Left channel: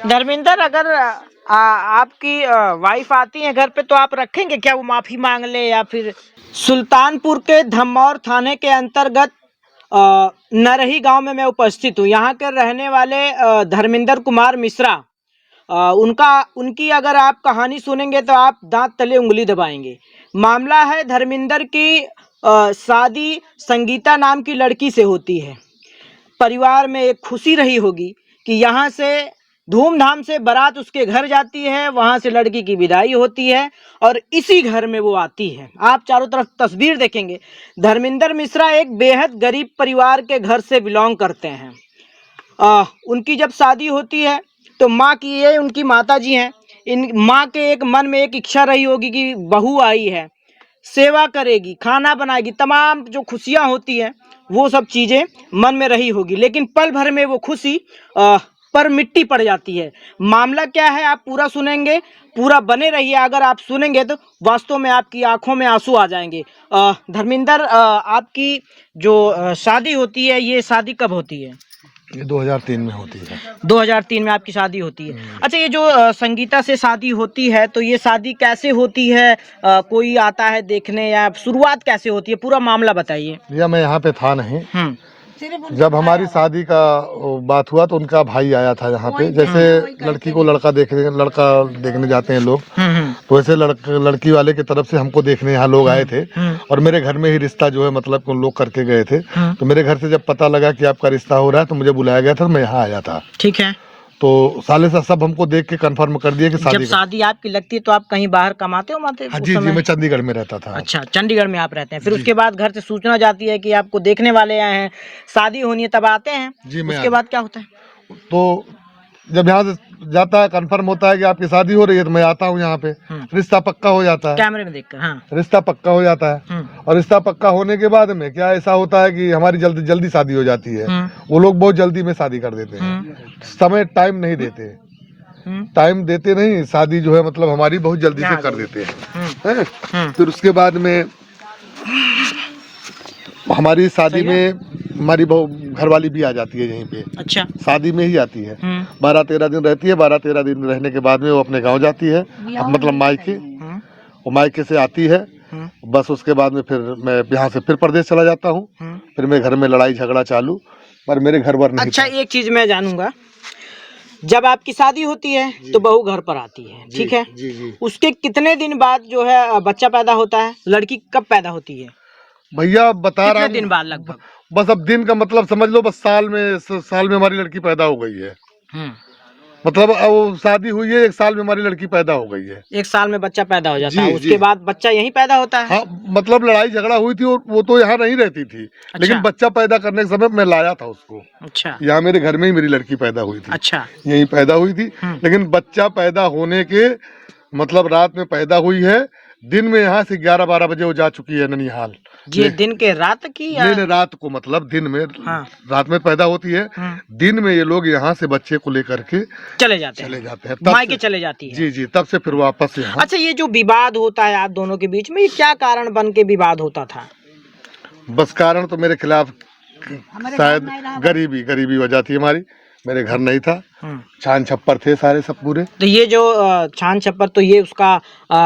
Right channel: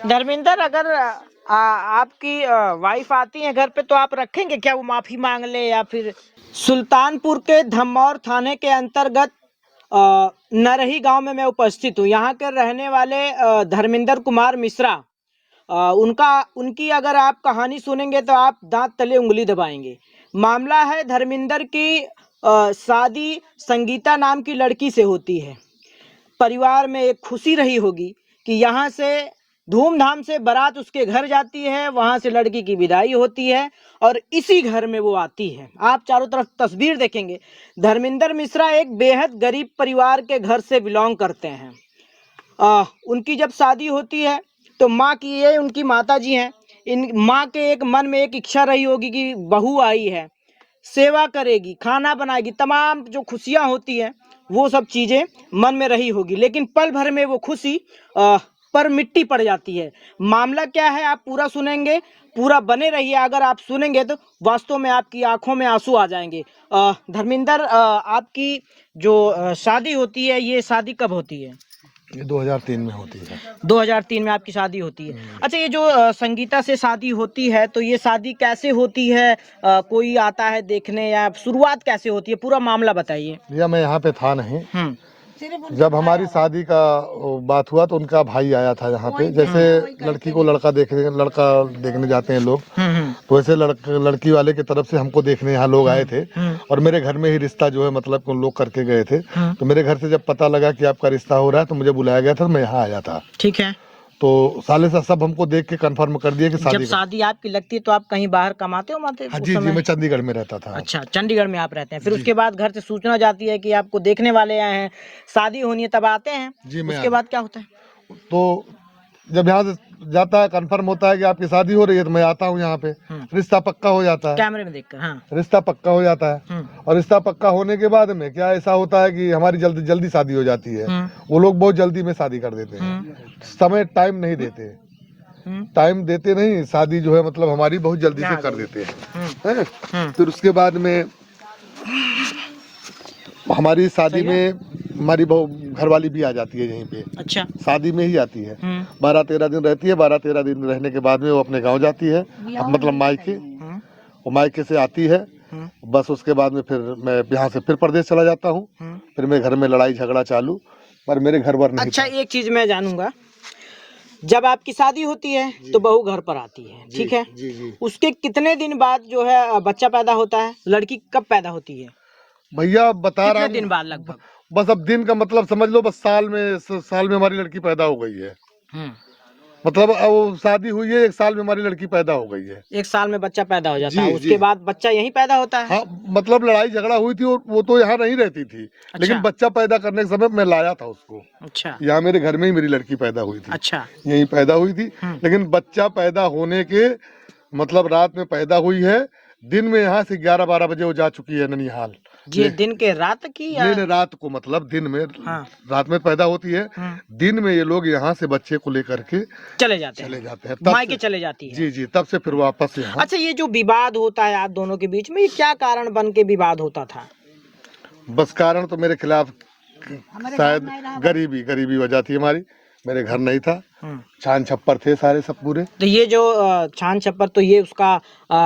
धर्मेंद्र, अगर आपकी वाइफ आती है घर पे तो आप रखेंगे क्या? वो माफी मांग ले या फिर? सुल्तानपुर के धमौर थाने के अंतर्गत नरही गांव में मैं उपस्थित हूँ। यहाँ के रहने वाले धर्मेंद्र कुमार मिश्रा, उनकी अगर आप कहानी सुनेंगे तो आप दांत तले उंगली दबाएंगे। मामला है धर्मेंद्र की शादी संगीता नाम की लड़की से होती है। परिवार में एक खुशी रही होगी कि यहाँ से धूमधाम से बारात उसके घर जाती है, वहां से लड़की की विदाई होती है और इसी घर में वो आती है। आप चारों तरफ तस्वीर देखेंगे। धर्मेंद्र मिश्रा एक बेहद गरीब परिवार के घर से बिलोंग करते हैं। उनकी जब शादी होती है तो माँ की, ये उनकी माता जी हैं, इन माँ के एक मन में एक इच्छा रही होगी कि बहू आई है, सेवा करेगी, खाना बनाएगी, तमाम जो खुशियां होती हैं वो सब चीजें मन में रही होगी। लेकिन पल भर में वो खुशी पर मिट्टी पड़ जाती है। मामला क्या है आप पूरा सुनेंगे, पूरा बने रहिए। अगर आप सुनेंगे तो वास्तव में आपकी आंखों में आंसू आ जाएंगे। धर्मेंद्र, आपकी जो शादी होती है, ये शादी कब होती है? ये 2003 में होती है। 2003 में आपकी शादी होती है। अच्छा, ये जो संगीता से शादी होती है तो ये शादी कैसे होती है? कोई आता है देखने या शुरुआत कैसे होती है? पूरा मामला बताइए। भैया मैं यहाँ पे था नहीं। जब हमारी शादी का बात हुआ तो उनका भाई आया था यहाँ पे। जैसे लड़की को लड़का देखने जाते हैं लोग, तो वैसे लड़की वाले की तरफ से हमको देखने यहाँ लोग आए थे और मेरे घर में ही रिश्ता जो है मतलब उन लोग करके गए थे। तो मेरे घर से जब पता लगा कि आपका रिश्ता हो रहा है तो मुझे बुलाया गया था, मैं यहाँ आया था। ठीक है। तो साले से सब हमको देख के कंफर्म कर दिया कि जब शादी आपकी लगती है तो आप कहीं बाहर कमाते हो? हाँ जी जी, मैं चंडीगढ़ में रहता था। अच्छा, चंडीगढ़ में आप रहते हैं। फिर उसके बाद घर से सूचना जाती है कि आपको देखने वाले आए हैं, शादी होनी है, तब आते हैं जी। उसके बाद क्या होता है? तो जब यहाँ से जाता है, कंफर्म होता है कि आपकी शादी हो रही है, तो मैं आता हूँ यहाँ पे। रिश्ता पक्का हो जाता है, कैमरे में देखकर। हाँ, रिश्ता पक्का हो जाता है। और रिश्ता पक्का होने के बाद में क्या ऐसा होता है कि हमारी जल्दी शादी हो जाती है। वो लोग बहुत जल्दी में शादी कर देते हैं, समय टाइम नहीं देते, टाइम देते नहीं। शादी जो है मतलब हमारी बहुत जल्दी से कर देते हैं। फिर उसके बाद में हमारी शादी में हमारी घरवाली भी आ जाती है यहीं पे। अच्छा, शादी में ही आती है। 12-13 दिन रहती है। 12-13 दिन रहने के बाद में वो अपने गांव जाती है, मतलब मायके। वो मायके से आती है, बस उसके बाद में फिर मैं यहाँ से फिर प्रदेश चला जाता हूँ। फिर मेरे घर में लड़ाई झगड़ा चालू, पर मेरे घर पर नहीं। अच्छा, एक चीज मैं जानूंगा, जब आपकी शादी होती है तो बहू घर पर आती है, ठीक है? जी जी। उसके कितने दिन बाद जो है बच्चा पैदा होता है? लड़की कब पैदा होती है भैया? बता रहा हूँ, दिन बाद लगभग? बस अब दिन का मतलब समझ लो, बस साल में हमारी लड़की पैदा हो गई है। मतलब वो शादी हुई है, 1 साल में हमारी लड़की पैदा हो गई है। 1 साल में बच्चा पैदा हो जाता है। उसके बाद बच्चा यहीं पैदा होता है? हाँ, मतलब लड़ाई झगड़ा हुई थी और वो तो यहाँ नहीं रहती थी। अच्छा। लेकिन बच्चा पैदा करने के समय मैं लाया था उसको। अच्छा, यहाँ मेरे घर में ही मेरी लड़की पैदा हुई थी। अच्छा, यहीं पैदा हुई थी। लेकिन बच्चा पैदा होने के मतलब रात में पैदा हुई है, दिन में यहाँ से 11-12 बजे वो जा चुकी है ननिहाल। ये दिन के रात की या? नहीं, रात को, मतलब दिन में। हाँ। रात में पैदा होती है, दिन में ये लोग यहाँ से बच्चे को लेकर के चले जाते हैं, मायके चले जाती है। जी जी, तब से फिर वापस यहाँ। अच्छा, ये जो विवाद होता है आप दोनों के बीच में, ये क्या कारण बन के विवाद होता था? बस कारण तो मेरे खिलाफ शायद गरीबी वजह थी हमारी। मेरे घर नहीं था, छान छप्पर थे सारे सब पूरे। तो ये जो छान छप्पर, तो ये उसका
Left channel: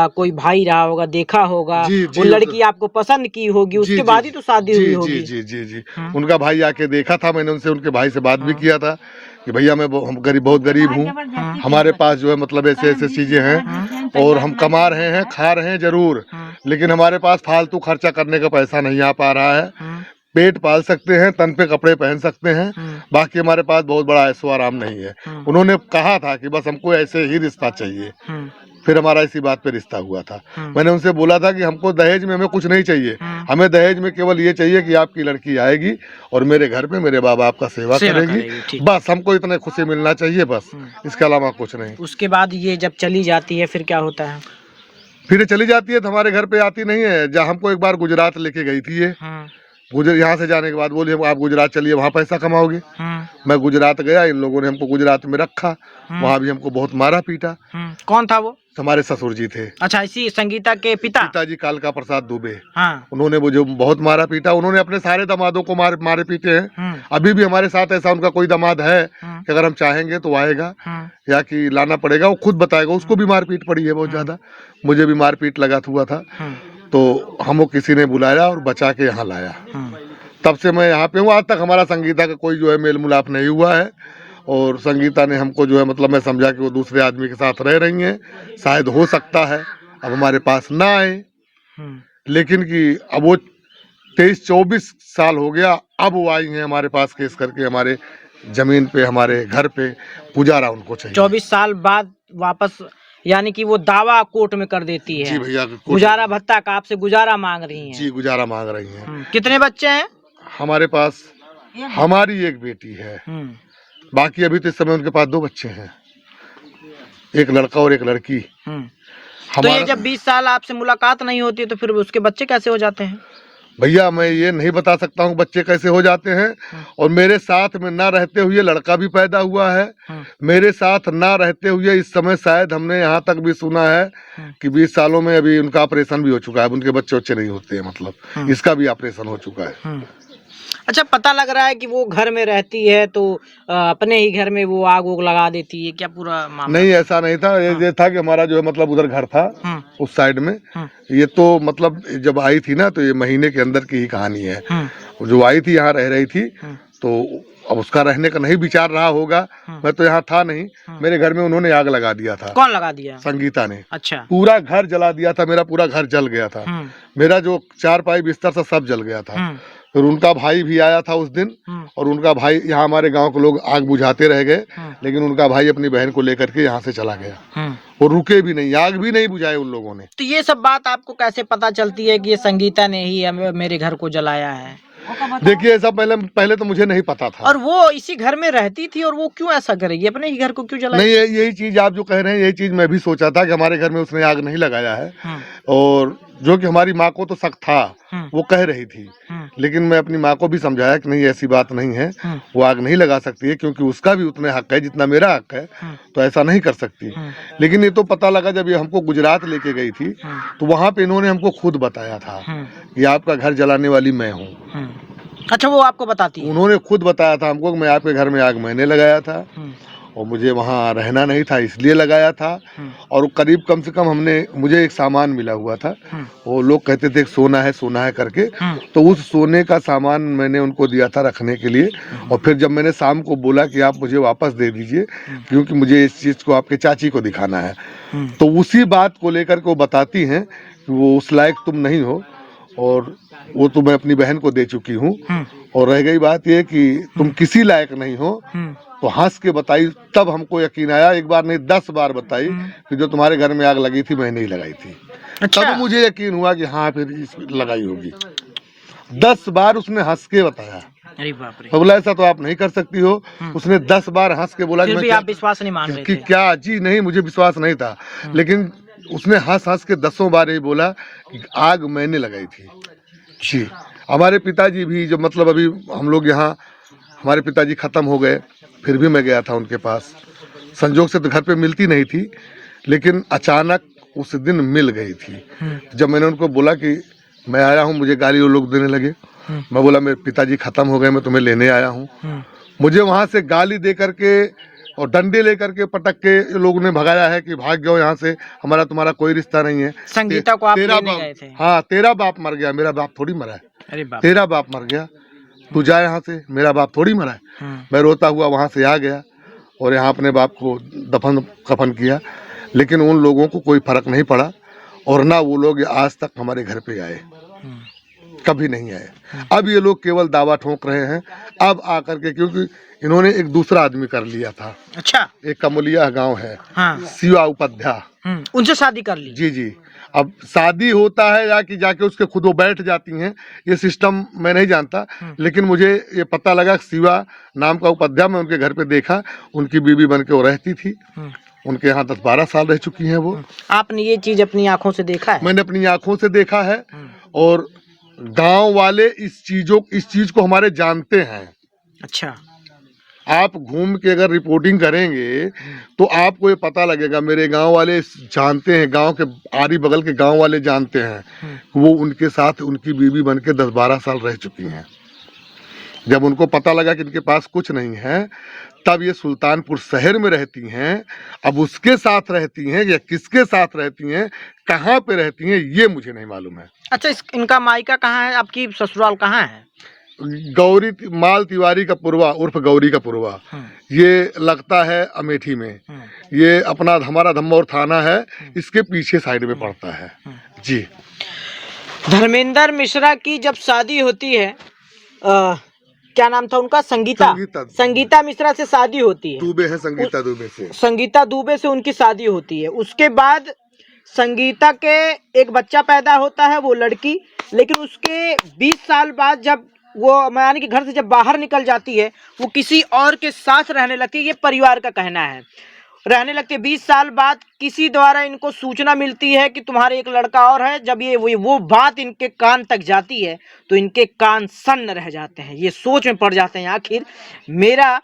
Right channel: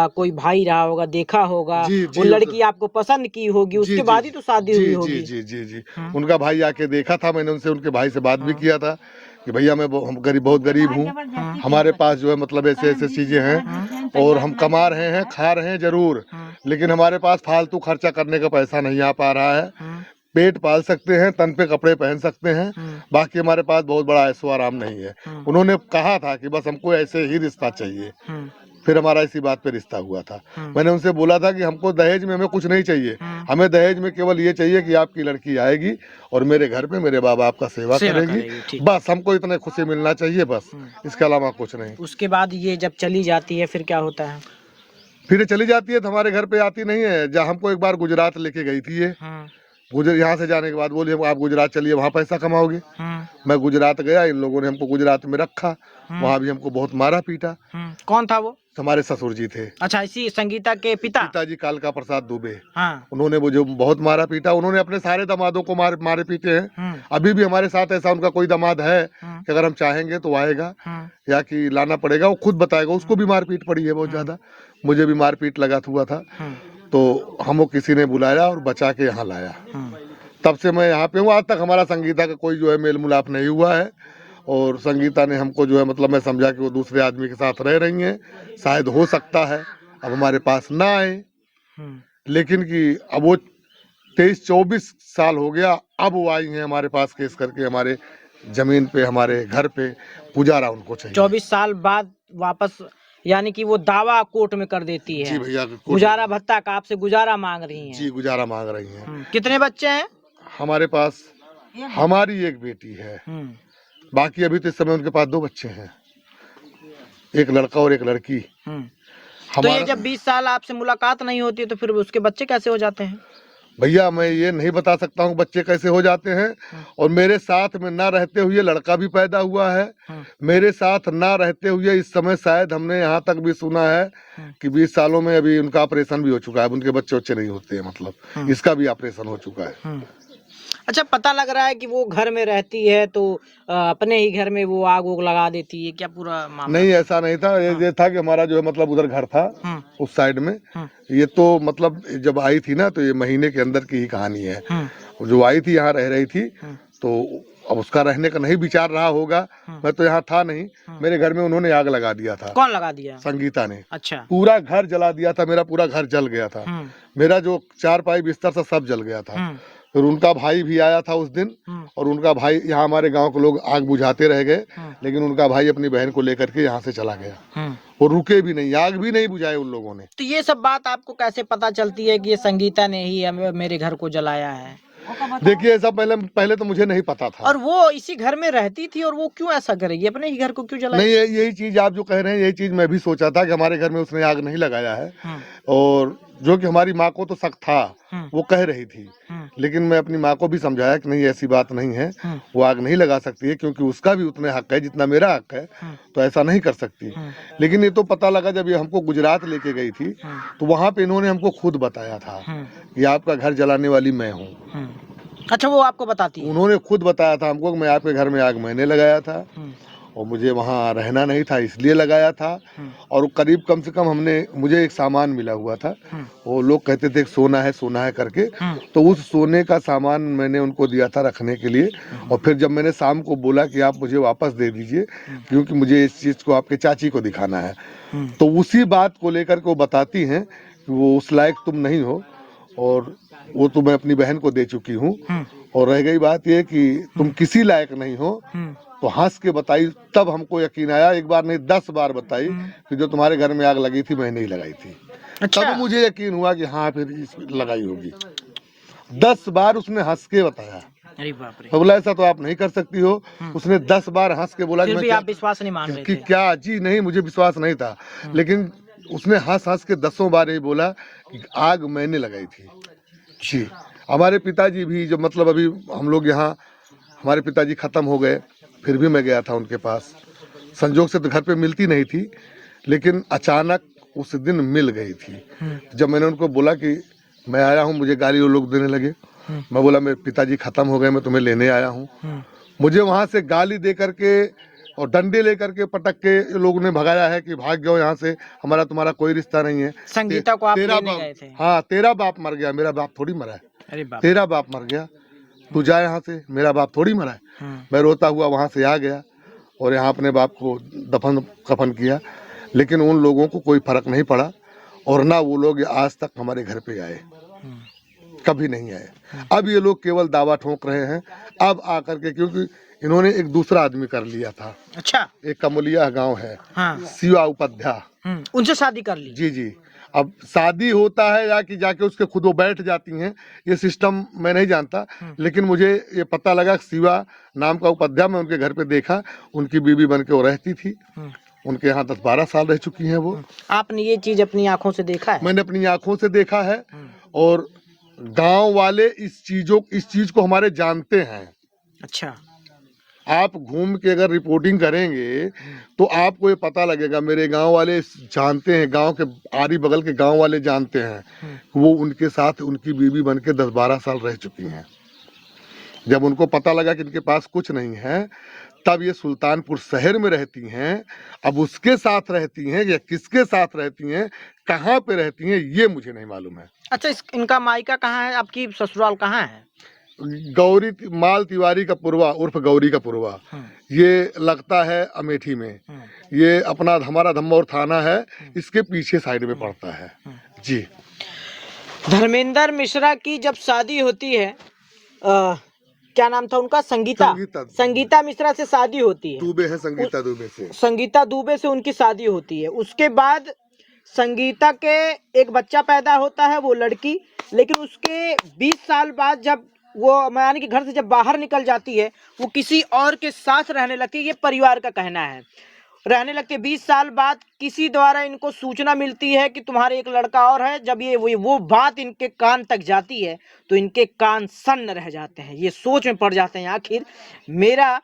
कोई भाई रहा होगा, देखा होगा, वो लड़की आपको पसंद की होगी, उसके बाद ही तो शादी हुई होगी। जी जी जी, उनका भाई आके देखा था, मैंने उनसे, उनके भाई से बात भी किया था कि भैया मैं बहुत गरीब हूँ, हमारे पास जो है मतलब ऐसे चीजें हैं और हम कमा रहे हैं, खा रहे हैं जरूर, लेकिन हमारे पास फालतू खर्चा करने का पैसा नहीं आ पा रहा है। पेट पाल सकते हैं, तन पे कपड़े पहन सकते हैं, बाकी हमारे पास बहुत बड़ा ऐशो आराम नहीं है। उन्होंने कहा था कि बस हमको ऐसे ही रिश्ता चाहिए। फिर हमारा इसी बात पे रिश्ता हुआ था। मैंने उनसे बोला था कि हमको दहेज में हमें कुछ नहीं चाहिए, हमें दहेज में केवल ये चाहिए कि आपकी लड़की आएगी और मेरे घर पे मेरे बाबा आपका सेवा करेगी, बस हमको इतने खुशी मिलना चाहिए, बस इसके अलावा कुछ नहीं। उसके बाद ये जब चली जाती है फिर क्या होता है? फिर चली जाती है तो हमारे घर पे आती नहीं है। जहाँ हमको एक बार गुजरात लेके गई थी ये, यहाँ से जाने के बाद बोले आप गुजरात चलिए, वहाँ पैसा कमाओगे। मैं गुजरात गया, इन लोगों ने हमको गुजरात में रखा, वहाँ भी हमको बहुत मारा पीटा। कौन था वो? हमारे ससुर जी थे। अच्छा, इसी संगीता के पिताजी कालका प्रसाद दुबे। हाँ। उन्होंने मुझे बहुत मारा पीटा। उन्होंने अपने सारे दामादों को मारे पीटे हैं। अभी भी हमारे साथ ऐसा उनका कोई दामाद है कि अगर हम चाहेंगे तो आएगा या कि लाना पड़ेगा, वो खुद बताएगा। उसको भी मारपीट पड़ी है बहुत ज्यादा, मुझे भी मारपीट लगा हुआ था। तो हमको किसी ने बुलाया और बचा के यहाँ लाया। तब से मैं यहाँ पे हूँ। आज तक हमारा संगीता का कोई जो है मेल मिलाप नहीं हुआ है। और संगीता ने हमको जो है मतलब मैं समझा कि वो दूसरे आदमी के साथ रह रही हैं, शायद हो सकता है अब हमारे पास ना आए, लेकिन कि अब वो 23-24 साल हो गया, अब वो आई हैं हमारे पास केस करके, हमारे जमीन पे, हमारे घर पे। पुजारा उनको चाहिए। 24 साल बाद वापस, यानी कि वो दावा कोर्ट में कर देती है। जी भैया, गुजारा भत्ता का आपसे गुजारा मांग रही हैं। जी, गुजारा मांग रही हैं। कितने बच्चे हैं? हमारे पास हमारी एक बेटी है, बाकी अभी तो इस समय उनके पास 2 बच्चे हैं, एक लड़का और एक लड़की। तो ये जब 20 साल आपसे मुलाकात नहीं होती तो फिर उसके बच्चे कैसे हो जाते हैं? भैया मैं ये नहीं बता सकता हूँ बच्चे कैसे हो जाते हैं। और मेरे साथ में ना रहते हुए लड़का भी पैदा हुआ है। मेरे साथ ना रहते हुए इस समय शायद हमने यहाँ तक भी सुना है कि 20 सालों में अभी उनका ऑपरेशन भी हो चुका है। उनके बच्चे नहीं होते हैं, मतलब इसका भी ऑपरेशन हो चुका है। अच्छा, पता लग रहा है कि वो घर में रहती है तो अपने ही घर में वो आग उग लगा देती है, क्या पूरा मामला? नहीं, ऐसा नहीं था। ये था कि हमारा जो है मतलब उधर घर था उस साइड में। ये तो मतलब जब आई थी ना, तो ये महीने के अंदर की ही कहानी है। जो आई थी यहाँ रह रही थी, तो अब उसका रहने का नहीं विचार रहा होगा। मैं तो यहाँ था नहीं, मेरे घर में उन्होंने आग लगा दिया था। कौन लगा दिया? संगीता ने। अच्छा। पूरा घर जला दिया था, मेरा पूरा घर जल गया था। मेरा जो चारपाई बिस्तर था सब जल गया था। फिर उनका भाई भी आया था उस दिन, और उनका भाई, यहाँ हमारे गांव के लोग आग बुझाते रह गए, लेकिन उनका भाई अपनी बहन को लेकर के यहाँ से चला गया। और रुके भी नहीं, आग भी नहीं बुझाए उन लोगों ने। तो ये सब बात आपको कैसे पता चलती है कि ये संगीता ने ही मेरे घर को जलाया है? देखिए, ऐसा पहले तो मुझे नहीं पता था। और वो इसी घर में रहती थी, और वो क्यों ऐसा करेगी? अपने ही घर को क्यों जलाएगी? नहीं, यही चीज आप जो कह रहे हैं, यही चीज मैं भी सोचा था कि हमारे घर में उसने आग नहीं लगाया है। और जो कि हमारी माँ को तो शक था, वो कह रही थी, लेकिन मैं अपनी माँ को भी समझाया कि नहीं, ऐसी बात नहीं है, वो आग नहीं लगा सकती है, क्योंकि उसका भी उतने हक है जितना मेरा हक है, तो ऐसा नहीं कर सकती। लेकिन ये तो पता लगा जब ये हमको गुजरात लेके गई थी, तो वहाँ पे इन्होंने हमको खुद बताया था कि आपका घर जलाने वाली मैं हूँ। अच्छा, वो आपको बताती है? उन्होंने खुद बताया था हमको कि मैं आपके घर में आग मैंने लगाया था, और मुझे वहाँ रहना नहीं था इसलिए लगाया था। और करीब कम से कम मुझे एक सामान मिला हुआ था। वो लोग कहते थे सोना है करके, तो उस सोने का सामान मैंने उनको दिया था रखने के लिए। और फिर जब मैंने शाम को बोला कि आप मुझे वापस दे दीजिए, क्योंकि मुझे इस चीज़ को आपके चाची को दिखाना है, तो उसी बात को लेकर के वो बताती हैं कि वो उस लायक तुम नहीं हो, और वो तो मैं अपनी बहन को दे चुकी हूँ। और रह गई बात ये कि तुम किसी लायक नहीं हो, तो हंस के बताई। तब हमको यकीन आया, एक बार नहीं 10 बार बताई कि जो तुम्हारे घर में आग लगी थी मैंने ही लगाई थी। अच्छा। तब मुझे यकीन हुआ कि हाँ, फिर लगाई होगी। 10 बार उसने हंस के बताया। अरे बाप रे। तो बोला ऐसा तो आप नहीं कर सकती हो। उसने 10 बार हंस के बोला फिर भी आप विश्वास नहीं मान रहे थे? क्या जी, नहीं, मुझे विश्वास नहीं था। लेकिन उसने हंस के 10 बार ही बोला कि आग मैंने लगाई थी। जी, हमारे पिताजी भी, जो मतलब अभी हम लोग यहाँ, हमारे पिताजी खत्म हो गए, फिर भी मैं गया था उनके पास। संजोग से तो घर पे मिलती नहीं थी, लेकिन अचानक उस दिन मिल गई थी। जब मैंने उनको बोला कि मैं आया हूँ, मुझे गाली वो लोग देने लगे। मैं बोला मेरे पिताजी खत्म हो गए, मैं तुम्हें लेने आया हूँ। मुझे वहाँ से गाली दे करके और डंडे लेकर के पटक के लोगों ने भगाया है कि भाग जाओ यहाँ से, हमारा तुम्हारा कोई रिश्ता नहीं है। संगीता को आप लेने गए थे? हाँ, तेरा बाप मर गया, मेरा बाप थोड़ी मरा है। अरे बाप। तेरा बाप मर गया, तू जा यहाँ से, मेरा बाप थोड़ी मरा है। मैं रोता हुआ वहाँ से आ गया और यहाँ अपने बाप को दफन कफन किया। लेकिन उन लोगों को कोई फर्क नहीं पड़ा, और ना वो लोग आज तक हमारे घर पे आए, कभी नहीं आए। अब ये लोग केवल दावा ठोक रहे हैं अब आकर के, क्योंकि इन्होंने एक दूसरा आदमी कर लिया था। अच्छा। एक कमलिया गांव है, हाँ। शिवा उपाध्याय, उनसे शादी कर ली? जी जी। अब शादी होता है या कि जाके उसके खुद वो बैठ जाती हैं, ये सिस्टम मैं नहीं जानता। लेकिन मुझे ये पता लगा शिवा नाम का उपाध्याय, मैं उनके घर पे देखा, उनकी बीवी बन के वो रहती थी। उनके यहाँ 10-12 साल रह चुकी हैं वो। आपने ये चीज अपनी आंखों से देखा है? मैंने अपनी आंखों से देखा है। और गांव वाले इस चीज को हमारे जानते हैं। अच्छा। आप घूम के अगर रिपोर्टिंग करेंगे तो आपको ये पता लगेगा, मेरे गांव वाले जानते हैं, गांव के आरी बगल के गांव वाले जानते हैं, वो उनके साथ उनकी बीवी बन के 10-12 साल रह चुकी हैं। जब उनको पता लगा कि इनके पास कुछ नहीं है, तब ये सुल्तानपुर शहर में रहती हैं। अब उसके साथ रहती हैं या किसके साथ रहती हैं, कहाँ पे रहती हैं, ये मुझे नहीं मालूम है। अच्छा, इनका मायका कहाँ है, आपकी ससुराल कहाँ है? गौरी माल तिवारी का पुरवा उर्फ गौरी का पुरवा, ये लगता है अमेठी में। ये अपना हमारा धम्मौर थाना है, इसके पीछे साइड में पड़ता है जी। धर्मेंद्र मिश्रा की जब शादी होती है, क्या नाम था उनका? संगीता मिश्रा से शादी होती है। दुबे है, संगीता दुबे से उनकी शादी होती है। उसके बाद संगीता के एक बच्चा पैदा होता है, वो लड़की। लेकिन उसके 20 साल बाद जब वो यानी कि घर से जब बाहर निकल जाती है, वो किसी और के साथ रहने लगती है, ये परिवार का कहना है। रहने लगती है 20 साल बाद किसी द्वारा इनको सूचना मिलती है कि तुम्हारे एक लड़का और है। जब ये वो बात इनके कान तक जाती है तो इनके कान सन्न रह जाते हैं। ये सोच में पड़ जाते हैं, आखिर मेरा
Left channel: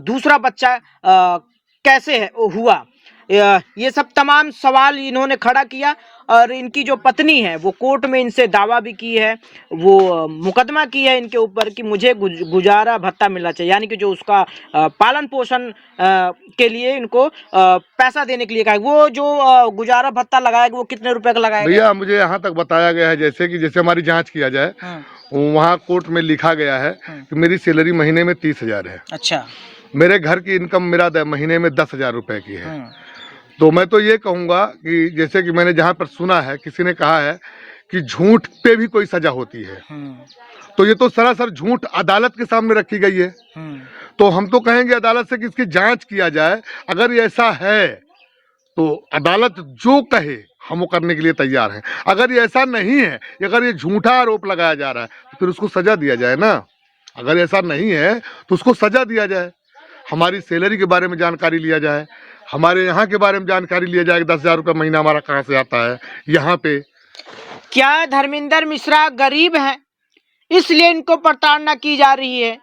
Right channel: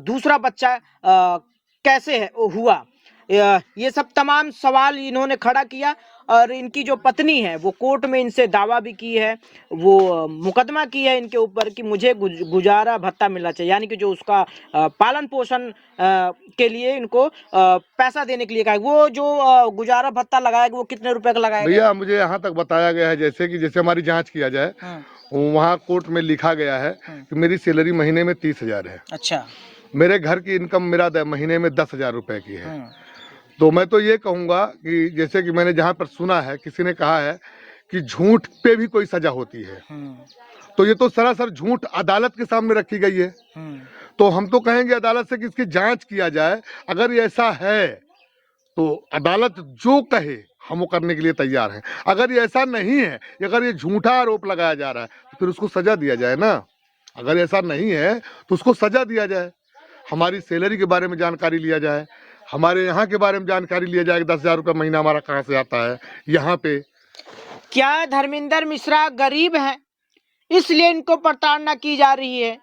दूसरा बच्चा कैसे है हुआ। ये सब तमाम सवाल इन्होंने खड़ा किया। और इनकी जो पत्नी है वो कोर्ट में इनसे दावा भी की है, वो मुकदमा की है इनके ऊपर कि मुझे गुजारा भत्ता मिलना चाहिए, यानी कि जो उसका पालन पोषण के लिए इनको पैसा देने के लिए कहा। वो जो गुजारा भत्ता लगाएगा वो कितने रुपए का लगाएगा? भैया मुझे यहाँ तक बताया गया है, जैसे हमारी जांच किया जाए, वहाँ कोर्ट में लिखा गया है कि मेरी सैलरी महीने में 30,000 है। अच्छा। मेरे घर की इनकम मेरा महीने में 10,000 रुपए की है। तो मैं तो ये कहूँगा कि जैसे कि मैंने जहाँ पर सुना है, किसी ने कहा है कि झूठ पे भी कोई सजा होती है, तो ये तो सरासर झूठ अदालत के सामने रखी गई है। तो हम तो कहेंगे अदालत से कि इसकी जांच किया जाए। अगर ये ऐसा है तो अदालत जो कहे हम वो करने के लिए तैयार हैं। अगर ये ऐसा नहीं है, अगर ये झूठा आरोप लगाया जा रहा है, तो फिर उसको सजा दिया जाए ना। अगर ऐसा नहीं है तो उसको सजा दिया जाए। हमारी सैलरी के बारे में जानकारी लिया जाए, हमारे यहाँ के बारे में जानकारी लिया जाए कि 10,000 रुपये महीना हमारा कहाँ से आता है यहाँ पे। क्या धर्मेंद्र मिश्रा गरीब है इसलिए इनको प्रताड़ना की जा रही है?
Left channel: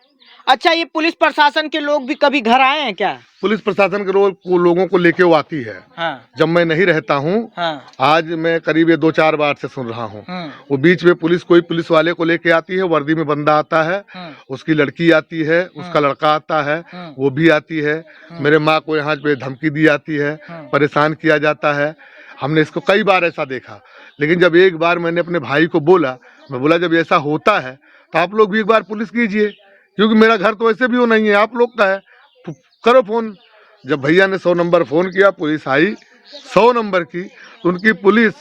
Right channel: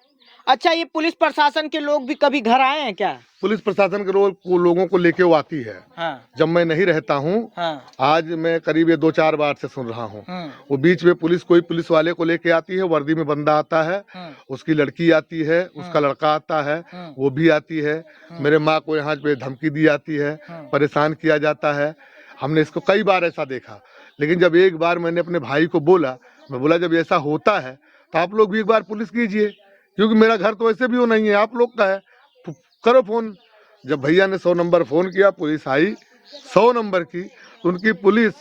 अच्छा, ये पुलिस प्रशासन के लोग भी कभी घर आए हैं क्या? पुलिस प्रशासन के लोगों को लेके वो आती है। हाँ। जब मैं नहीं रहता हूँ, हाँ। आज मैं करीब 2-4 बार से सुन रहा हूँ। वो बीच में कोई पुलिस वाले को लेके आती है, वर्दी में बंदा आता है, उसकी लड़की आती है, उसका लड़का आता है, वो भी आती है। मेरे माँ को यहाँ पे धमकी दी जाती है, परेशान किया जाता है। हमने इसको कई बार ऐसा देखा। लेकिन जब एक बार मैंने अपने भाई को बोला, मैं बोला जब ऐसा होता है तो आप लोग भी एक बार पुलिस कीजिए, क्योंकि मेरा घर तो ऐसे भी वो नहीं है, आप लोग का है, तो करो फोन। जब भैया ने 100 नंबर फोन किया, पुलिस आई 100 नंबर की, तो उनकी पुलिस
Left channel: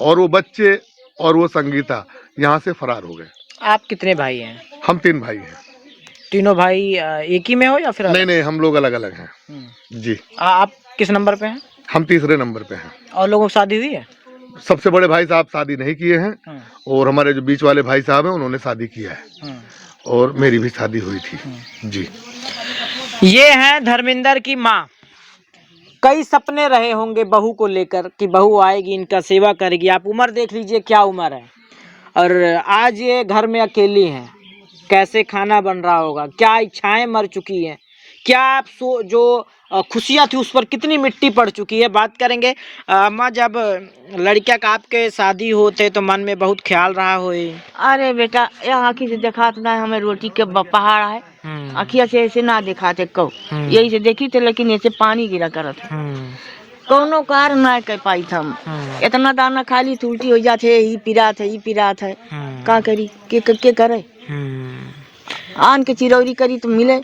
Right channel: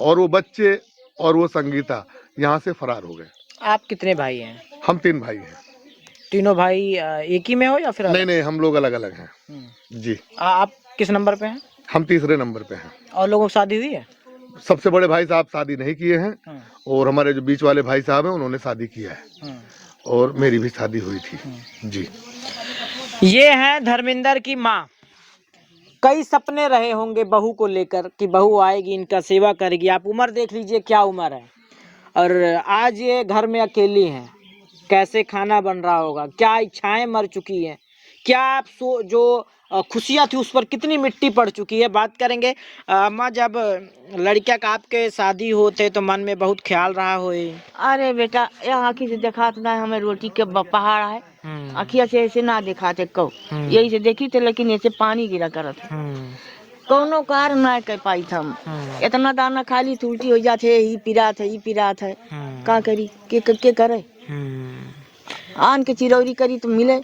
और वो बच्चे और वो संगीता यहाँ से फरार हो गए। आप कितने भाई हैं? हम 3 भाई हैं। तीनों भाई एक ही में हो या फिर? नहीं, हम लोग अलग अलग हैं जी। आप किस नंबर पे हैं? हम तीसरे नंबर पे हैं। और लोगों की शादी हुई है? सबसे बड़े भाई साहब शादी नहीं किए हैं, और हमारे जो बीच वाले भाई साहब हैं उन्होंने शादी किया है, और मेरी भी शादी हुई थी जी। ये है धर्मेंद्र की माँ। कई सपने रहे होंगे बहू को लेकर कि बहू आएगी, इनका सेवा करेगी। आप उम्र देख लीजिए क्या उम्र है, और आज ये घर में अकेली हैं। कैसे खाना बन रहा होगा, क्या इच्छाएं मर चुकी हैं, क्या आप जो खुशियाँ थी उस पर कितनी मिट्टी पड़ चुकी है। बात करेंगे अम्मा, जब लड़किया का आपके शादी होते तो मन में बहुत ख्याल रहा होई? अरे बेटा, यहाँ आँखी से दिखात ना हमें रोटी के पहाड़ है, आँखिया से ऐसे ना दिखाते कौ, यही से देखी थे, लेकिन ऐसे पानी गिरा करत है, कौनो कार ना कर पाई थम। इतना दाना खाली तो उल्टी हो जाते, ई पिरात है, का करी के करे, आन के चिरौरी करी तो मिले।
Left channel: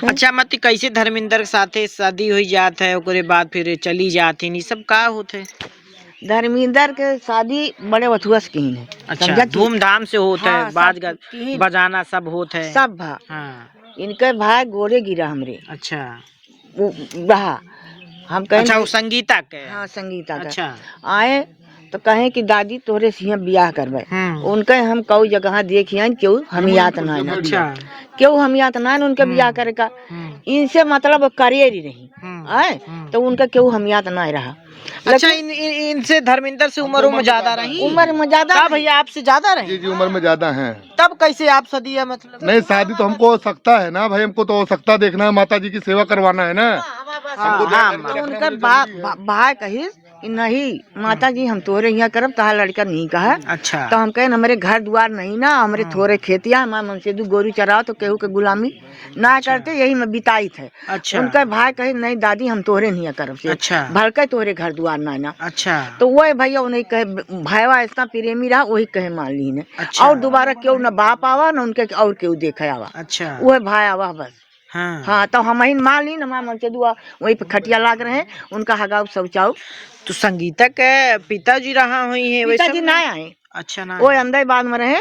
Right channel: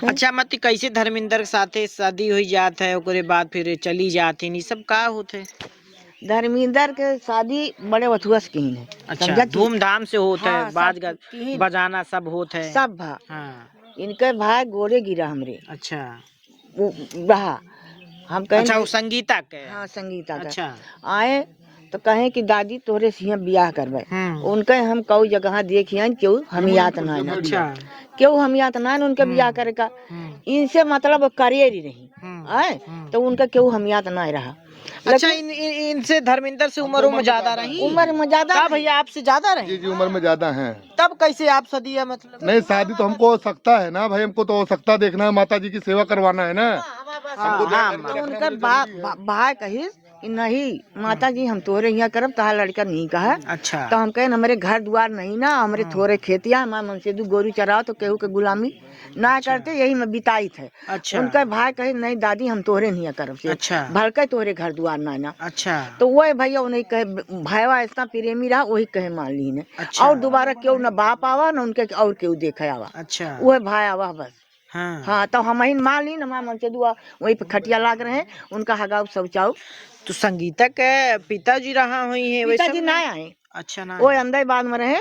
अच्छा मत, कैसे धर्मेंद्र के साथे शादी हुई जात है, ओकरे बाद फिर चली जाती, नहीं सब का होते? धर्मेंद्र के शादी बड़े बथुआ की है। अच्छा, धूमधाम से होता है, बाज बजाना सब होता है, सब भा। हाँ। इनके भाई गोरे गिरा हमरे। अच्छा, वो रहा हम कहें। अच्छा, वो संगीता के? हाँ, संगीता का। अच्छा। आए तो कहे कि दादी तोरे से यहाँ बियाह करवे। उनके हम कऊ जगह देखिए क्यों हम याद ना है, अच्छा क्यों हम याद ना है उनके बियाह करे का, इनसे मतलब करियर ही रही आए, तो उनका क्यों हम याद ना रहा। अच्छा इनसे धर्मेंद्र से उम्र ज्यादा रही, उम्र में ज्यादा क्या भैया आपसे ज्यादा रही? जी उम्र में ज्यादा हैं। तब कैसे आप सदिया मतलब? नहीं शादी तो हमको हो सकता है ना भाई, हमको तो हो सकता देखना है, माता जी की सेवा करवाना है ना। तो उनका भाई कही कि नहीं माता जी हम तोरे यहाँ करब, तहा लड़का नहीं कहा। अच्छा तो हम कहे हमारे घर द्वार नहीं ना, हमारे थोड़े खेतिया हमसे दू गोरू चराओ तो केहू के गुलामी ना करते, यही में बिताई थे। अच्छा उनका भाई कहे नहीं दादी हम तोरे नहीं करब से, अच्छा भड़के तोरे घर द्वार ना। अच्छा तो वही भैया उन्हें कहे भाईवा इतना प्रेमी रहा, वही कहे मान ली ने। अच्छा। और दोबारा क्यों न बाप आवा न उनके और क्यों देखे आवा, अच्छा वह भाई आवा बस। हाँ हाँ तो हम ही मान ली ना, मन से दुआ वही पे खटिया लाग रहे हैं, उनका हगाव शौचाओ। तो संगीता के पिताजी रहा हुई है वैसे? पिताजी ना आए, अच्छा ना वो अंदर बाद में रहे,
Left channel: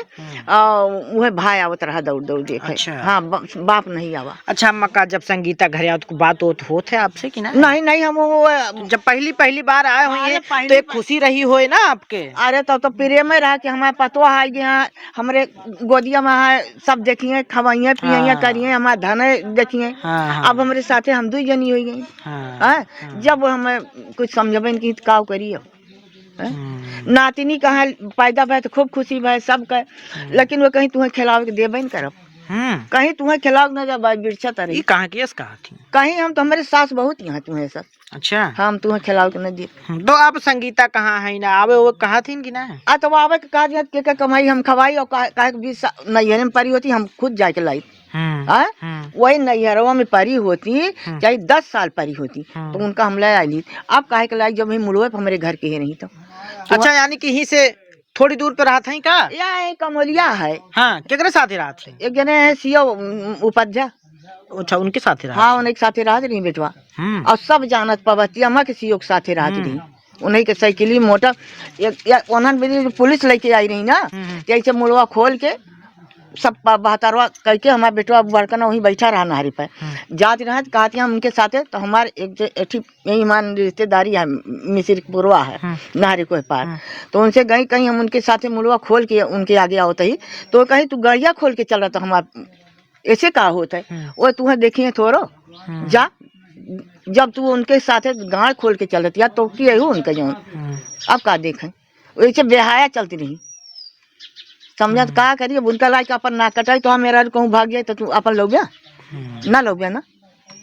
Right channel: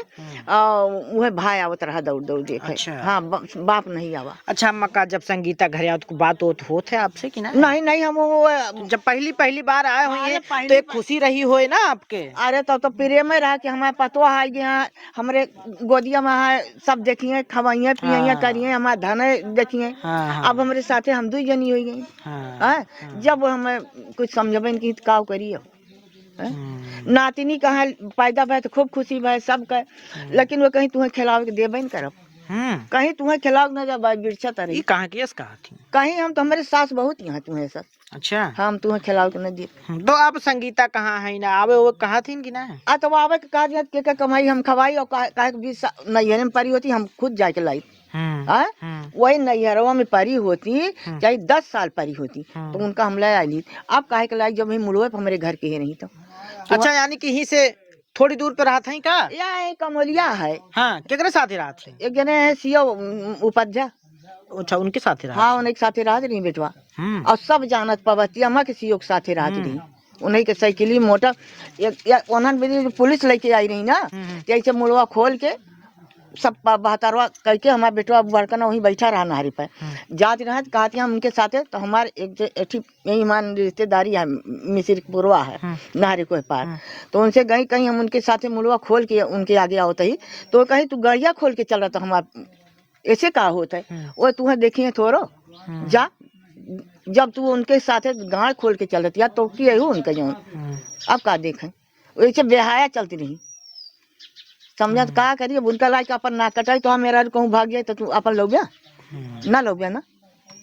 वह भाई आवत रहा दौड़ दौड़ देखे। अच्छा। हाँ बाप नहीं आवा। अच्छा अम्मा का जब संगीता घर आओ तो बात होत है आपसे कि ना? नहीं नहीं हम जब पहली बार आए हुई तो एक खुशी रही हो ना आपके? अरे तो प्रिय में रहा कि हमारे पतवा है यहाँ हमारे गोदिया में है, सब देखिए खवाइए पिए करिए, हमारे धन देखिए। अब हमारे साथे हम दो जनी हो गई। जब हमें कुछ समझबे की काव करिए, नातिनी कहा पैदा भय तो खूब खुशी भय सब कहे, लेकिन वो कहीं तुम्हें खिलावे के देबे न करब, कहीं तुम्हें खिलाव न जब बिरछा तरी कहाँ की कहा थी कहीं हम तो हमारे सास बहुत यहाँ तुम्हें सब। अच्छा हम तुम्हें खिलाव के न दे। तो अब संगीता कहाँ है ना आवे वो कहा थी कि ना? तो आवे के कहा के कमाई हम खवाई और काहे के 20 नैहर में परी होती, हम खुद जाके लाई। वही नैहरवा में परी होती चाहे 10 साल परी होती तो उनका हम ले आई। अब काहे के लाई जब हम मुड़वे हमारे घर के ही नहीं तो। अच्छा यानी कि यहीं से थोड़ी दूर पे रहा था ही का? या कमलिया है। हाँ केकरे साथ ही रहा थे? एक जने है सीओ उपाध्याय। अच्छा उनके साथ ही रहा? हाँ उनके साथ राहत रही बेटवा, और सब जानत पवती अम्मा के सीओ के साथ राहत रही। उन्हीं के साइकिली मोटर पुलिस लेके आई रही ना, जैसे मुड़वा खोल के सब बहतरवा करके हमारा बेटवा बड़कना वहीं बैठा रहा नारी पे। जात रहा कहती हम उनके साथ, तो हमारे एक यही मान रिश्तेदारी है मिसिरपुरवा है नारी को पार, तो उनसे गई कहीं हम उनके साथ मुड़वा खोल के उनके आगे आओ ही, तो कहीं तू गड़िया खोल के चल रहा था हमारा ऐसे का होता है वो तुम्हें देखिए थोड़ो जा। जब तू उनके साथ गाड़ खोल के चल रही तो की उनका जो अब का देखें वैसे बेहाया चलती रही, समझत का करिए उनका लाइक अपन ना कटाई तो हम मेरा कहूँ भाग जाए तो तू अपन लो गया ना लो गया ना,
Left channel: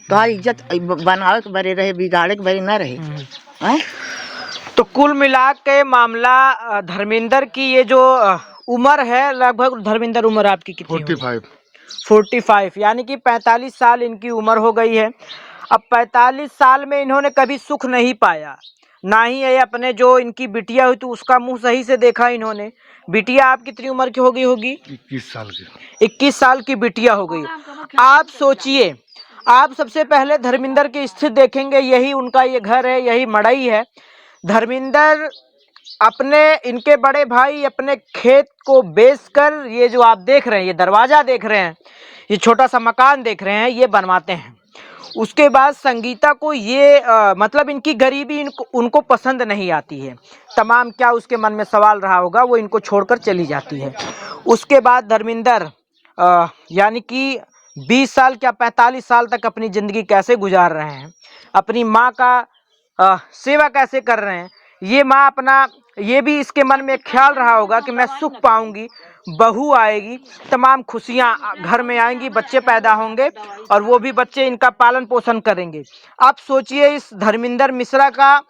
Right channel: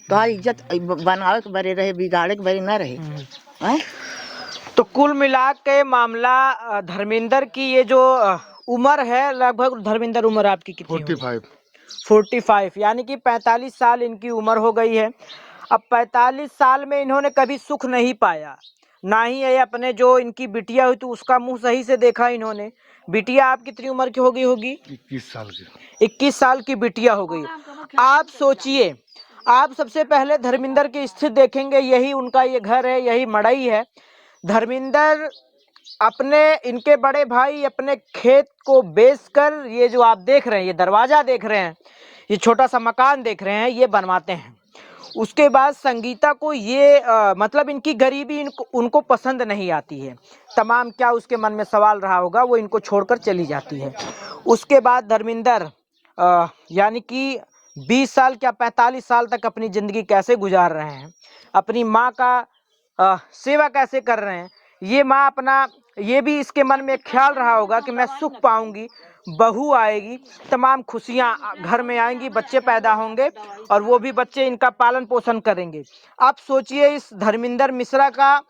तो इज्जत बनावे के बरे रहे बिगाड़े के बरे ना रहे। तो कुल मिला के मामला धर्मेंद्र की ये जो उम्र है, लगभग धर्मेंद्र उम्र आपकी कितनी? 45 यानी कि 45 साल इनकी उम्र हो गई है। अब 45 साल में इन्होंने कभी सुख नहीं पाया, ना ही ये अपने जो इनकी बिटिया हुई तो उसका मुंह सही से देखा इन्होंने। बिटिया आप कितनी उम्र की हो गई होगी? 21 साल की। 21 साल की बिटिया हो गई। आप सोचिए, आप सबसे पहले धर्मेंद्र की स्थिति देखेंगे, यही उनका ये घर है, यही मड़ई है। धर्मेंद्र अपने इनके बड़े भाई अपने खेत को बेचकर ये जो आप देख रहे हैं, ये दरवाजा देख रहे हैं, ये छोटा सा मकान देख रहे हैं, ये बनवाते हैं। उसके बाद संगीता को ये मतलब इनकी गरीबी उनको पसंद नहीं आती है। तमाम क्या उसके मन में सवाल रहा होगा, वो इनको छोड़कर चली जाती है। उसके बाद धर्मेंद्र यानी कि 20 साल क्या 45 साल तक अपनी ज़िंदगी कैसे गुजार रहे हैं, अपनी माँ का सेवा कैसे कर रहे हैं। ये माँ अपना ये भी इसके मन में ख्याल रहा होगा कि मैं सुख पाऊंगी, बहू आएगी, तमाम खुशियाँ घर में आएंगी, बच्चे पैदा होंगे और वो भी बच्चे इनका पालन पोषण करेंगे। आप सोचिए इस धर्मेंद्र मिश्रा का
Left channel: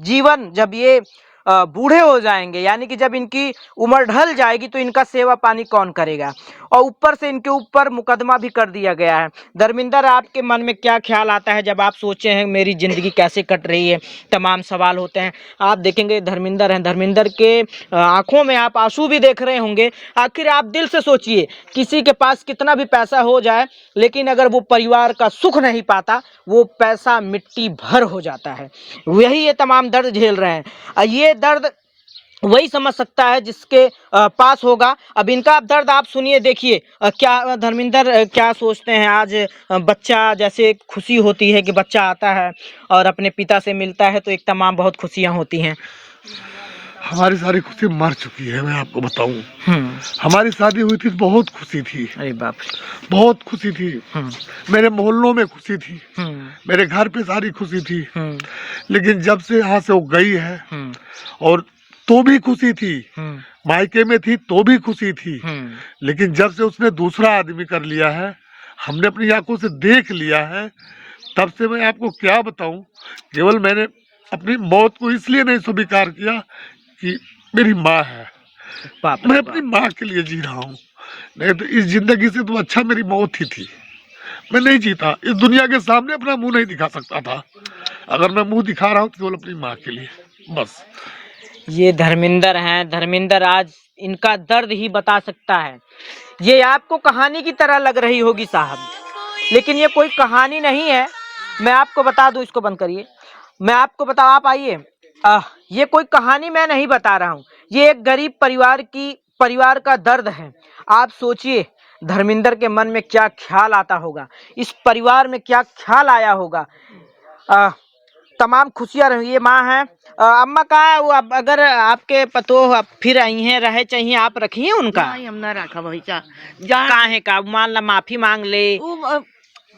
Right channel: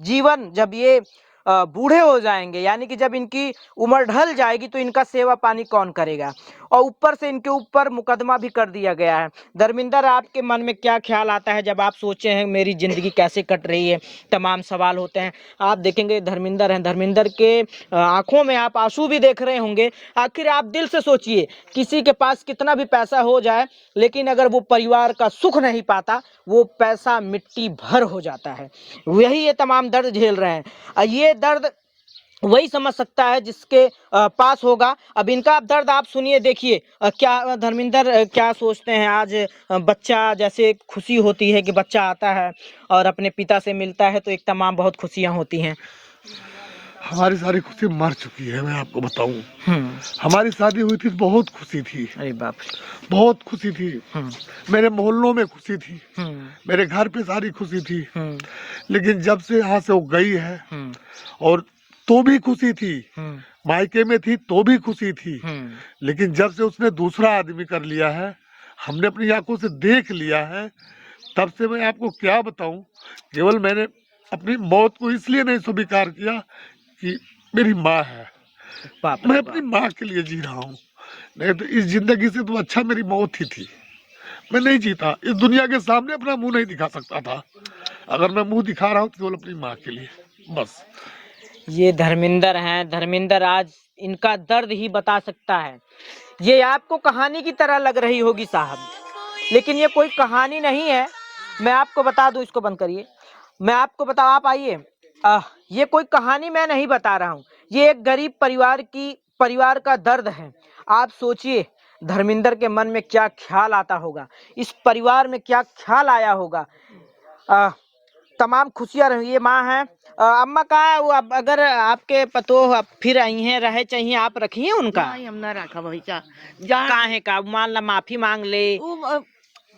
जीवन जब ये बूढ़े हो जाएंगे, यानी कि जब इनकी उम्र ढल जाएगी तो इनका सेवा पानी कौन करेगा, और ऊपर से इनके ऊपर मुकदमा भी कर दिया गया है। धर्मेंद्र आपके मन में क्या ख्याल आता है जब आप सोचे हैं मेरी ज़िंदगी कैसे कट रही है, तमाम सवाल होते हैं। आप देखेंगे धर्मेंद्र हैं, धर्मेंद्र के आंखों में आप आंसू भी देख रहे होंगे। आखिर आप दिल से सोचिए, किसी के पास कितना भी पैसा हो जाए लेकिन अगर वो परिवार का सुख नहीं पाता, वो पैसा मिट्टी भर हो जाता है। वही ये तमाम दर्द झेल रहे हैं। ये दर्द वही समझ सकता है जिसके पास होगा। अब इनका दर्द आप सुनिए, देखिए क्या धर्मेंद्र क्या सोचते हैं। आज बच्चा जैसे खुशी होती है कि बच्चा आता है और अपने पिता से मिलता है तो एक तमाम बहुत खुशियां होती हैं। हमारी सारी खुशी मर चुकी है। मैं आपको बताऊं, हमारी शादी हुई थी, बहुत खुशी थी। अरे बाप बहुत खुशी थी। मेरे मोहल्लों में खुशी थी, रे। मेरे घर पे सारी खुशी थी। लेकिन जब से यहाँ से वो गई है, और तो भी खुशी थी, मायके में थी तो भी खुशी थी, लेकिन जब से उसने दूसरा आदमी कर लिया है, हमने अपनी आंखों से देख लिया है, तब से मैं आपको क्या बताऊं। केवल मैंने अपनी मौत को इसलिए नहीं स्वीकार किया कि मेरी माँ है। बाप मैं अपनी माँ के लिए जी रहा हूँ, नहीं तो इस जिंदगी से तो अच्छा मेरी मौत ही थी। मैं नहीं जीता, इस दुनिया के सामने अपना मुंह नहीं दिखा सकता था। अगर मैं मुंह दिखा रहा हूँ तो केवल अपनी माँ के लिए, बस। ये धर्मेंद्र हैं। धर्मेंद्र आज इनका दर्द ही बता सकता है। ये आपको कहानी की तरह लग रही होगी साहब, लेकिन ये कोई कहानी नहीं है। मैं आपको बता दूं, इसको बंद करिए। मैं आपको बता, आप आइए। ये कोई कहानी मैं नहीं बता रहा हूँ, ये एक गरीब परिवार का दर्द है। आप सोचिए धर्मेंद्र के मन में क्या ख्याल आता होगा, इस परिवार में क्या ख्याल आया होगा। तमाम खुशियां रही। ये माँ है। अम्मा का वो अगर आपके पतो फिर आई हैं, रहे चाहिए, आप रखिए उनका। नहीं, हम ना रखा भैसा जा काहे का, मान ला माफी मांग ले।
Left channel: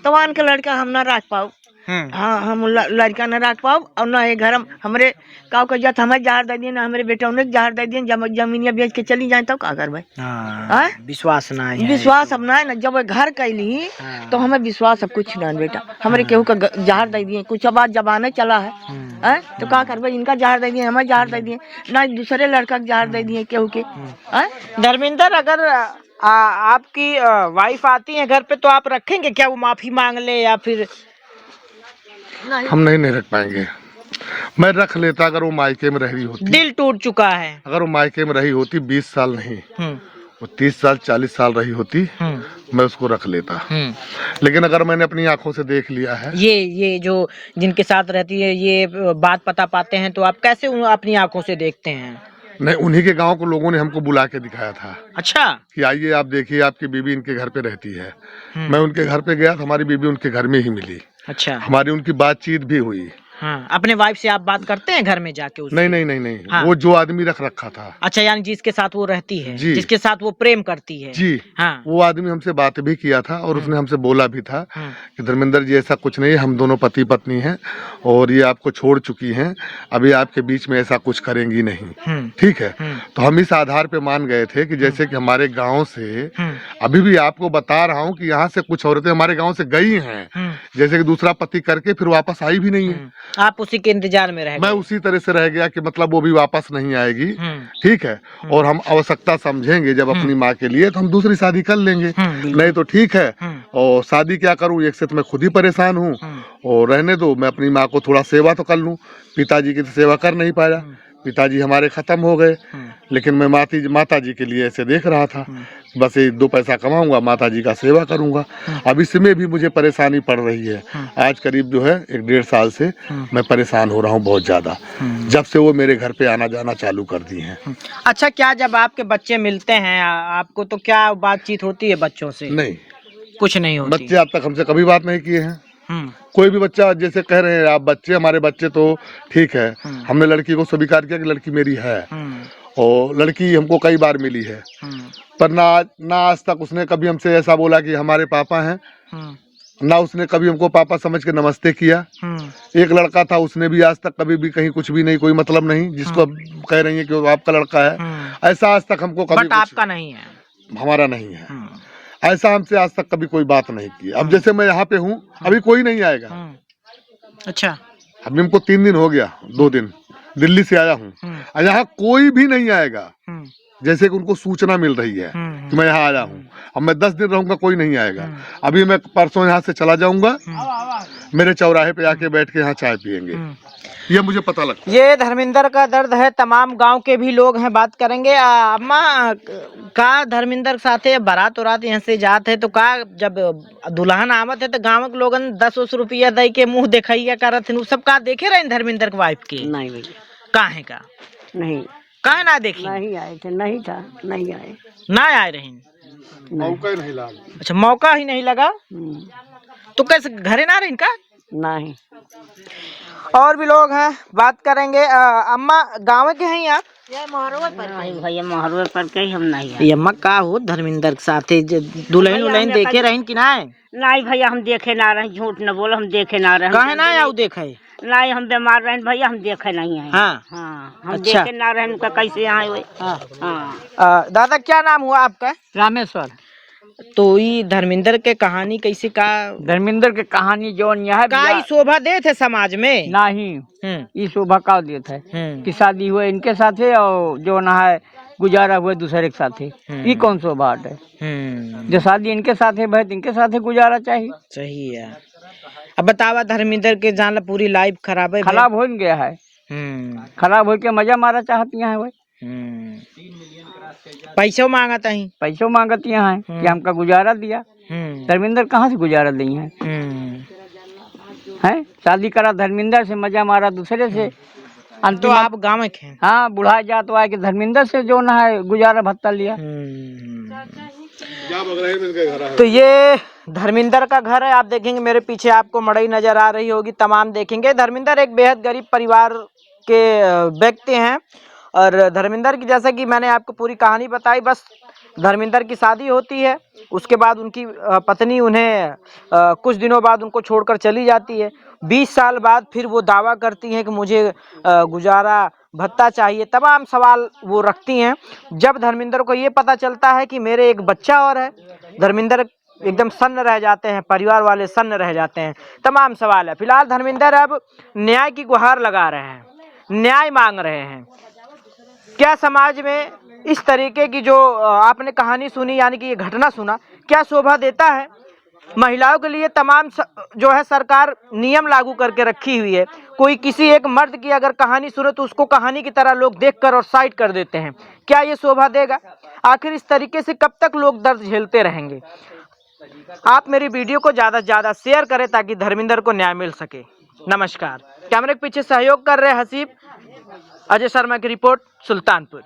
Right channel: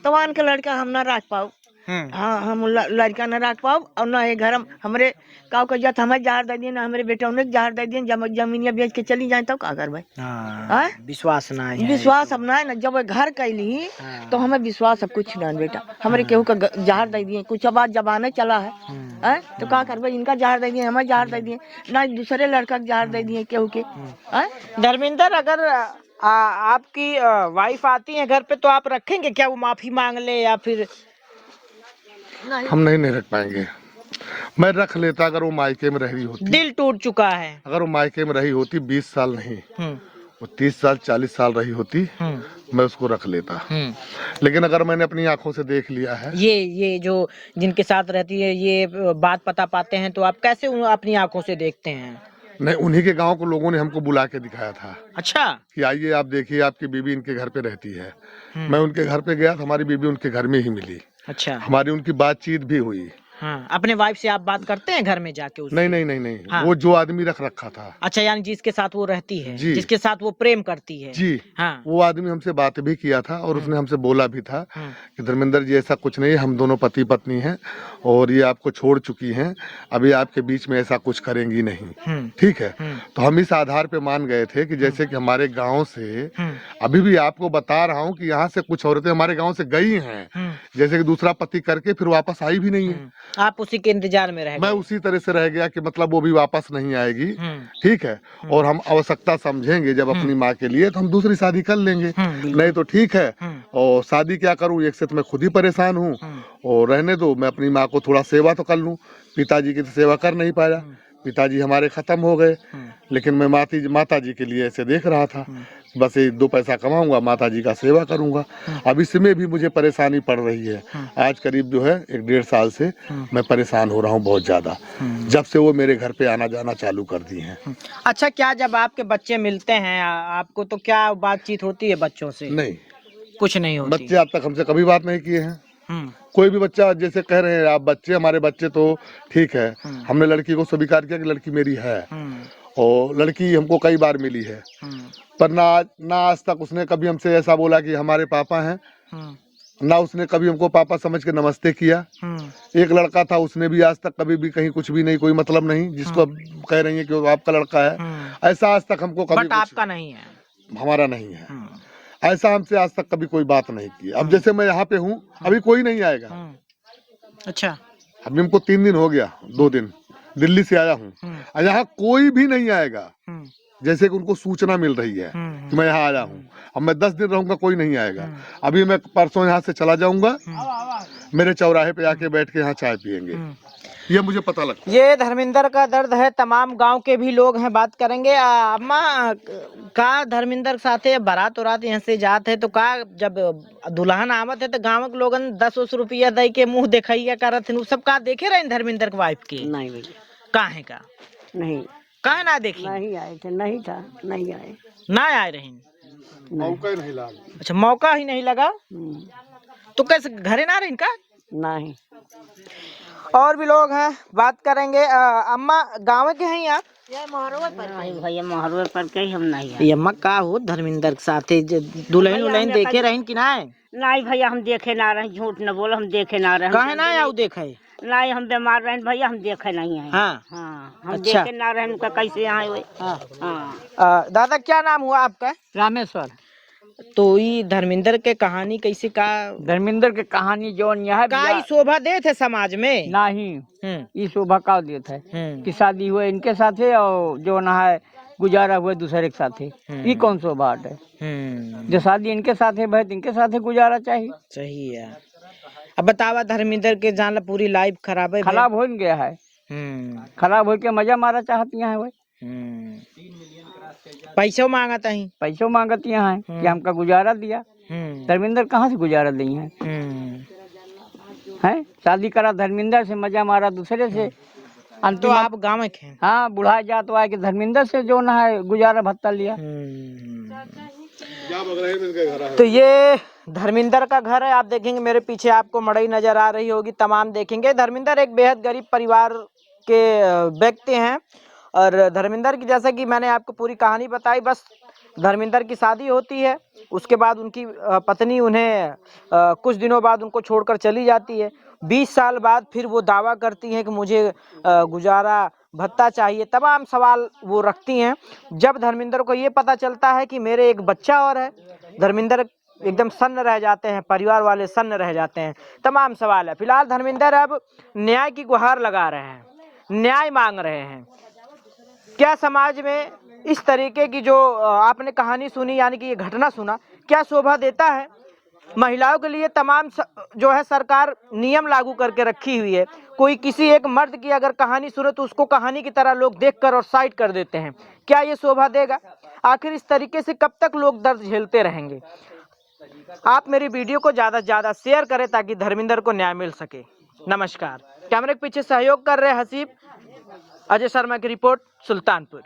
तवान के लड़का हम ना रख पाओ। हाँ, हम लड़का न रख पाओ, और न ये घर हमरे काव का जत हमें जहर दे दिए, ना हमारे बेटा उन्हें जहर दे दिए। जमीनिया बेच के चली जाए तब का कर भाई। विश्वास ना है। विश्वास हम ना जब घर कैली तो हमें विश्वास सब कुछ ना बेटा। हमारे केहू का जहर दे दिए, कुछ बात जबाने चला है, तो का कर भाई, इनका जहर दे दिए, हमें जहर दे दिए, ना दूसरे लड़का जहर दे दिए केहू के। धर्मेंद्र, अगर आपकी वाइफ आती है घर पे तो आप रखेंगे क्या? वो माफी मांग ले या फिर हम नहीं रख पाएंगे। मैं रख लेता अगर वो मायके में रही होती। दिल टूट चुका है। अगर वो मायके में रही होती 20 साल नहीं, वो 30 साल 40 साल रही होती, मैं उसको रख लेता। लेकिन अगर मैंने अपनी आंखों से देख लिया है, ये जो जिनके साथ रहती है, ये बात पता पाते हैं, तो आप कैसे अपनी आंखों से देखते हैं? नहीं, उन्हीं के गांव के लोगों ने हमको बुला के दिखाया था। अच्छा। कि आइए आप देखिए, आपकी बीबी इनके घर पे रहती है। मैं उनके घर पे गया तो हमारी बीबी उनके घर में ही मिली। अच्छा। हमारी उनकी बातचीत भी हुई। हाँ, अपने वाइफ से आप बात करते हैं घर में जाके उससे? नहीं। हाँ। वो जो आदमी रख रखा था। अच्छा, यानी जिसके साथ वो रहती है, जी। जिसके साथ वो प्रेम करती है। जी। हाँ। वो आदमी हमसे बात भी किया था, और उसने हमसे बोला भी था हाँ। कि धर्मेंद्र जी, ऐसा कुछ नहीं है, हम दोनों पति पत्नी हैं और ये आपको छोड़ चुकी हैं, अभी आपके बीच में ऐसा कुछ करेंगी नहीं। ठीक है। तो हम इस आधार पे मान गए थे कि जैसे कि हमारे गांव से, अभी भी आपको बता रहा हूँ कि यहाँ से कुछ औरतें हमारे गांव से गई हैं, जैसे कि दूसरा पति करके फिर वापस आई भी नहीं है। आप उसी के इंतजार में रह मैं गए। उसी तरह से रह गया कि मतलब वो भी वापस नहीं आएगी। ठीक है। और हम आवश्यकता समझेंगे जब अपनी माँ के लिए, तो हम दूसरी शादी कर लेंगे। नहीं तो ठीक है। और शादी क्या करूँ, एक से तो मैं खुद ही परेशान हूँ, और रहने दो, मैं अपनी माँ को थोड़ा सेवा तो कर लूँ। पिताजी की तो सेवा कर नहीं पाया, पिताजी हमारे खत्म हो गए, लेकिन मैं माता जी के लिए ऐसे देख रहा था, बस ये 2 पैसा कमाऊंगा, माता जी का सेवा करूंगा। अब इसमें भी मुझे परेशानी पड़ रही है। आज करीब जो है 1-1.5 साल से मैं परेशान हो रहा हूँ बहुत ज्यादा, जब से वो मेरे घर पे आना जाना चालू कर दी हैं। अच्छा, क्या जब आपके बच्चे मिलते हैं आपको, तो क्या बातचीत होती है बच्चों से? नहीं, कुछ नहीं होती। बच्चे आज तक हमसे कभी बात नहीं किए हैं। कोई भी बच्चा जैसे कह रहे हैं आप बच्चे, हमारे बच्चे तो ठीक है, हमने लड़की को स्वीकार किया कि लड़की मेरी है, और लड़की हमको कई बार मिली है, पर ना आज तक उसने कभी हमसे ऐसा बोला कि हमारे पापा हैं, ना उसने कभी हमको पापा समझ के नमस्ते किया। एक लड़का था, उसने भी आज तक कभी भी कहीं कुछ भी नहीं, कोई मतलब नहीं, जिसको कह रही है कि वो आपका लड़का है, ऐसा आज तक हमको कभी। बट आपका नहीं है? हमारा नहीं है। ऐसा हमसे आज तक कभी कोई बात नहीं की। अब जैसे मैं यहाँ पे हूँ, अभी कोई नहीं आएगा। अच्छा। अभी हमको 3 दिन हो गया, 2 दिन दिल्ली से आया हूँ, यहाँ कोई भी नहीं आएगा। जैसे कि उनको सूचना मिल रही है कि मैं यहाँ आया हूँ। अब मैं 10 दिन रहूंगा, कोई नहीं आएगा। अभी मैं परसों यहाँ से चला जाऊंगा, मेरे चौराहे पे आके बैठ के यहाँ चाय पियेंगे, ये मुझे पता लगता है। ये धर्मेंद्र का दर्द है। तमाम गांव के भी लोग हैं, बात करेंगे। अम्मा का धर्मेंद्र साथे बारात उरात यहाँ से जात है, तो का जब दुल्हन आवत है तो गाँव के लोगन 10 रुपया दे के मुंह दिखाइया करत हैं, सब का देखे रहे धर्मेंद्र के वाइफ के? नहीं, काहे का नहीं, काहे ना देखी? नहीं आए थे, नहीं था, नहीं आए, ना आए रहे। मौका ही नहीं लगा। अच्छा, मौका ही नहीं लगा। तो कैसे घरे ना रहे इनका? नहीं। और भी लोग हैं, बात करेंगे। अम्मा गाँव के हैं आप? नहीं भैया महरुए पर के ही हम नहीं है। ये अम्मा का हो धर्मेंद्र के साथे दुल्हन उल्हन देखे रहन कि ना नहीं भैया हम देखे ना रहे, झूठ न बोलो, हम देखे ना रहे। कहे ना आऊ देखे नहीं हम बीमार रहे भैया, हम देखे नहीं है। हाँ हाँ हम अच्छा। देखे ना रहे, उनका कैसे यहाँ हुए। हाँ हाँ दादा क्या नाम हुआ आपका? रामेश्वर। तो ये धर्मेंद्र के कहानी कैसी का धर्मेंद्र के कहानी जो यह का शोभा दे थे समाज में नहीं ये शोभा का देता है कि शादी हुए इनके साथ है और जो ना है गुजारा हुए दूसरे के साथ है, ये कौन शोभा है? जो शादी इनके साथ है भाई इनके साथ है गुजारा चाहिए। सही है। अब बतावा धर्मेंद्र के जान पूरी लाइफ खराब है, खराब हो गया है, खराब हो के मजा मारा चाहती है भाई, पैसों मांगा ही पैसों मांगती है कि हमका गुजारा दिया। धर्मेंद्र कहाँ से गुजारा दी है? शादी करा धर्मेंद्र से, मजा मारा दूसरे से, तो आप गाँव में हैं? हाँ बुढ़ा जात आए कि धर्मेंद्र से जो ना है गुजारा भत्ता लिया। तो ये धर्मेंद्र का घर है। आप देखेंगे मेरे पीछे आपको मड़ई नजर आ रही होगी, तमाम देखेंगे। धर्मेंद्र एक बेहद गरीब परिवार के व्यक्ति हैं और धर्मेंद्र की जैसा कि मैंने आपको पूरी कहानी बताई, बस धर्मेंद्र की शादी होती है, उसके बाद उनकी पत्नी उन्हें कुछ दिनों बाद उनको छोड़कर चली जाती है। 20 साल बाद फिर वो दावा करती हैं कि मुझे गुजारा भत्ता चाहिए। तमाम सवाल वो रखती हैं। जब धर्मेंद्र को ये पता चलता है कि मेरे एक बच्चा और है, धर्मेंद्र एकदम सन्न रह जाते हैं, परिवार वाले सन्न रह जाते हैं। तमाम सवाल है। फिलहाल धर्मेंद्र अब न्याय की गुहार लगा रहे हैं, न्याय मांग रहे हैं। क्या समाज में इस तरीके की जो आपने कहानी सुनी, यानी कि ये घटना सुना, क्या शोभा देता है? महिलाओं के लिए तमाम जो है सरकार नियम लागू करके रखी हुई है। कोई किसी एक मर्द की अगर कहानी सुने तो उसको कहानी की तरह लोग देखकर और साइड कर देते हैं। क्या ये शोभा देगा? आखिर इस तरीके से कब तक लोग दर्द झेलते रहेंगे? आप मेरी वीडियो को ज़्यादा से ज़्यादा शेयर करें ताकि धर्मेंद्र को न्याय मिल सके। नमस्कार। कैमरे के पीछे सहयोग कर रहे हसीब, अजय शर्मा की रिपोर्ट, सुल्तानपुर।